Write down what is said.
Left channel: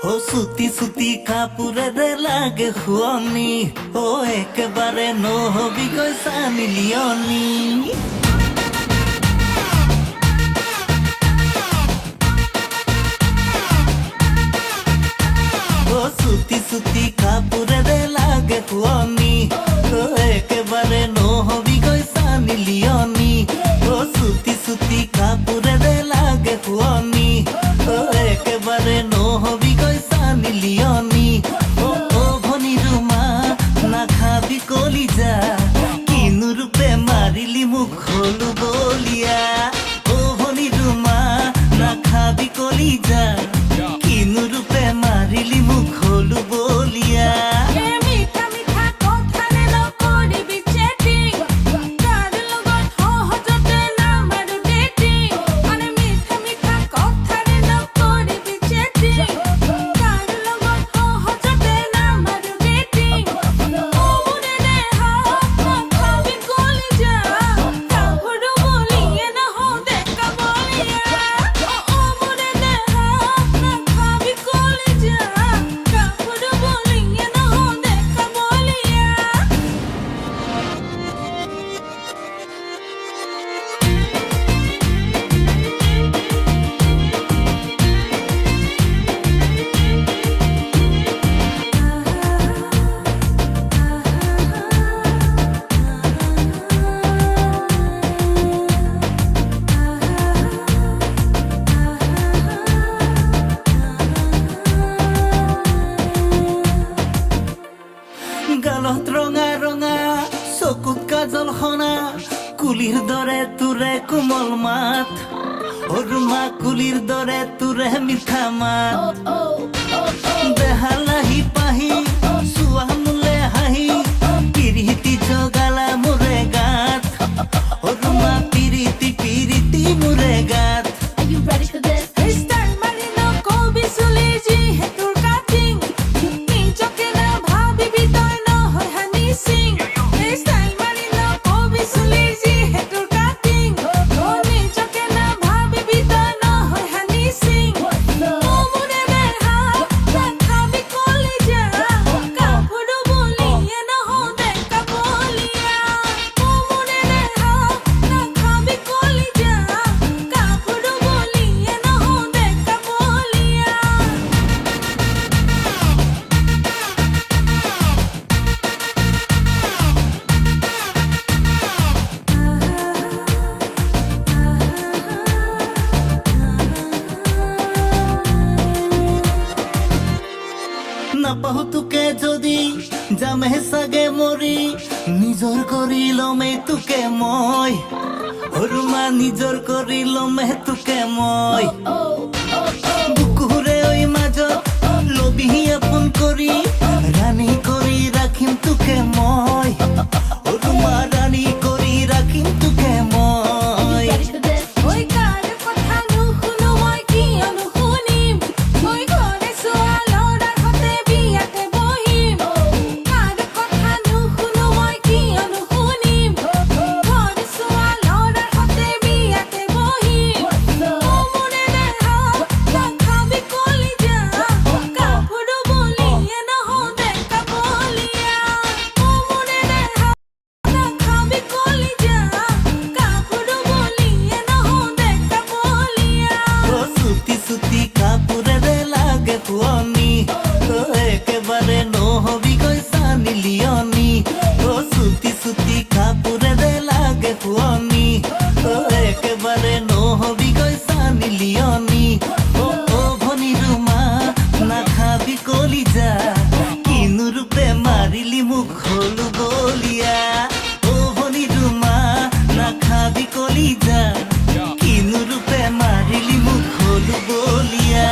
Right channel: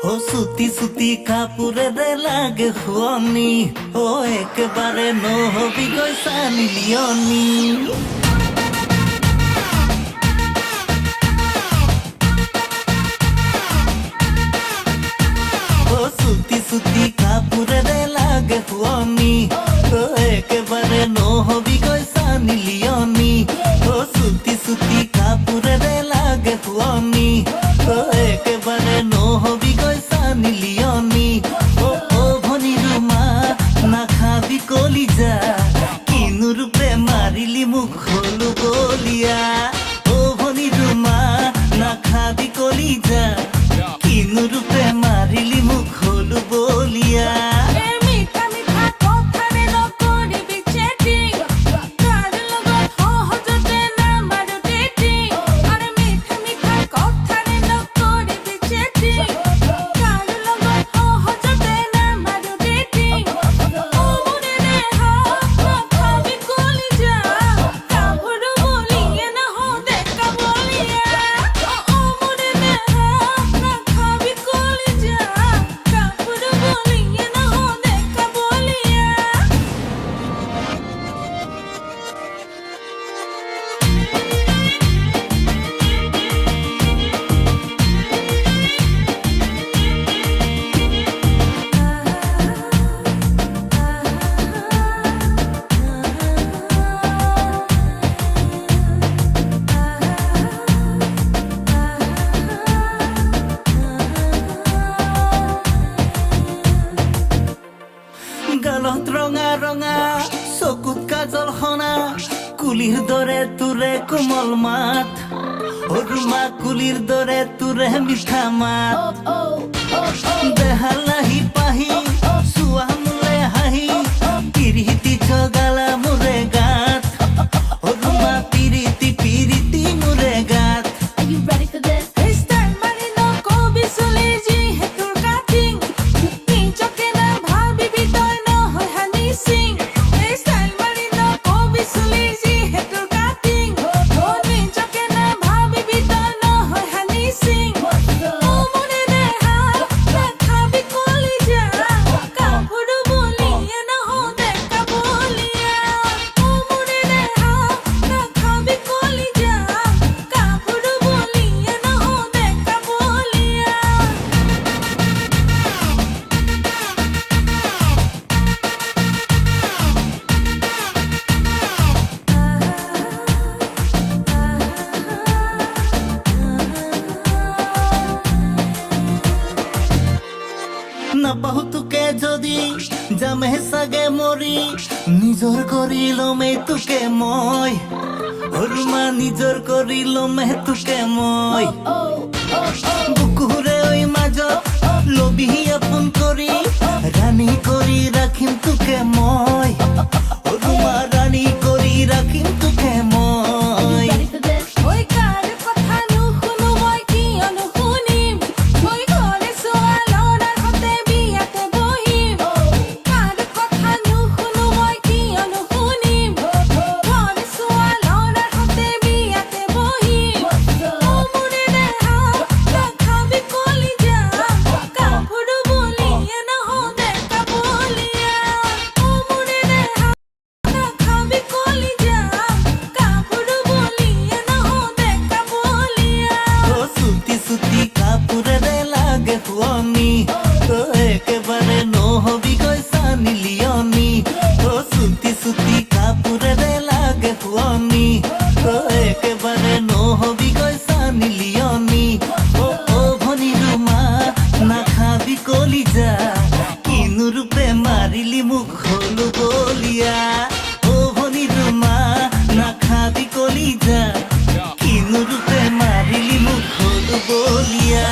ও সুতি সুতি কাপোরেৰে লাগে শুৱনি ও একেবাৰে নহবি গৈ চানি লিয়নি ও সুতি সুতি কাপোরেৰে লাগে শুৱনি ও একেবাৰে নহবি গৈ চানি লিয়নি ও সুতি সুতি কাপোরেৰে লাগে শুৱনি ও একেবাৰে নহবি গৈ চানি লিয়নি ও ভনী ৰুমা নাখাবি কলিজা কিনো ৰূপে মাৰিলি মুখ হলো বলিয়া ও ভনী ৰুমা নাখাবি কলিজা কিনো ৰূপে মাৰিলি মুখ হলো বলিয়া গালত ৰঙা ৰঙা চকুত কাজল সনা কুলিৰ দৰে তোৰে কোমল মাত অৰুমা কুলিৰ দৰে তোৰে মিঠা মাত দেহালাহি পাহি চুৱা মোলে হাঁহি পিৰিতি জগালা মোৰে গাত অৰুমা পিৰিতি পিৰিতি মোৰে গাত নাপাহো তোকে যদি যামে চাগে মৰি নিজৰ কৰি লমে তোকে মই অৰুমা নিজৰ কৰি লমে তোকে মই বুকুৰে ঐ মাজত লবি আপোন কৰি ৰাণী কৰি ৰাখিম তোকে মই অৰুমা ৰাণী কৰি ৰাখিম তোকে মই সুতি কাপোৰেৰে লাগে শুৱনি ও একেবাৰে নহবি গৈ চানি লিয়নি ও সুতি সুতি কাপোৰেৰে লাগে শুৱনি ও একেবাৰে নহবি গৈ চানি লিয়নি ও ভনী ৰুমা নাখাবি কলিজা কিনো ৰূপে মাৰিলি মুখ হলো বলিয়া ও ভনী ৰুমা নাখাবি কলিজা কিনো ৰূপে মাৰিলি মুখ হলো বলিয়া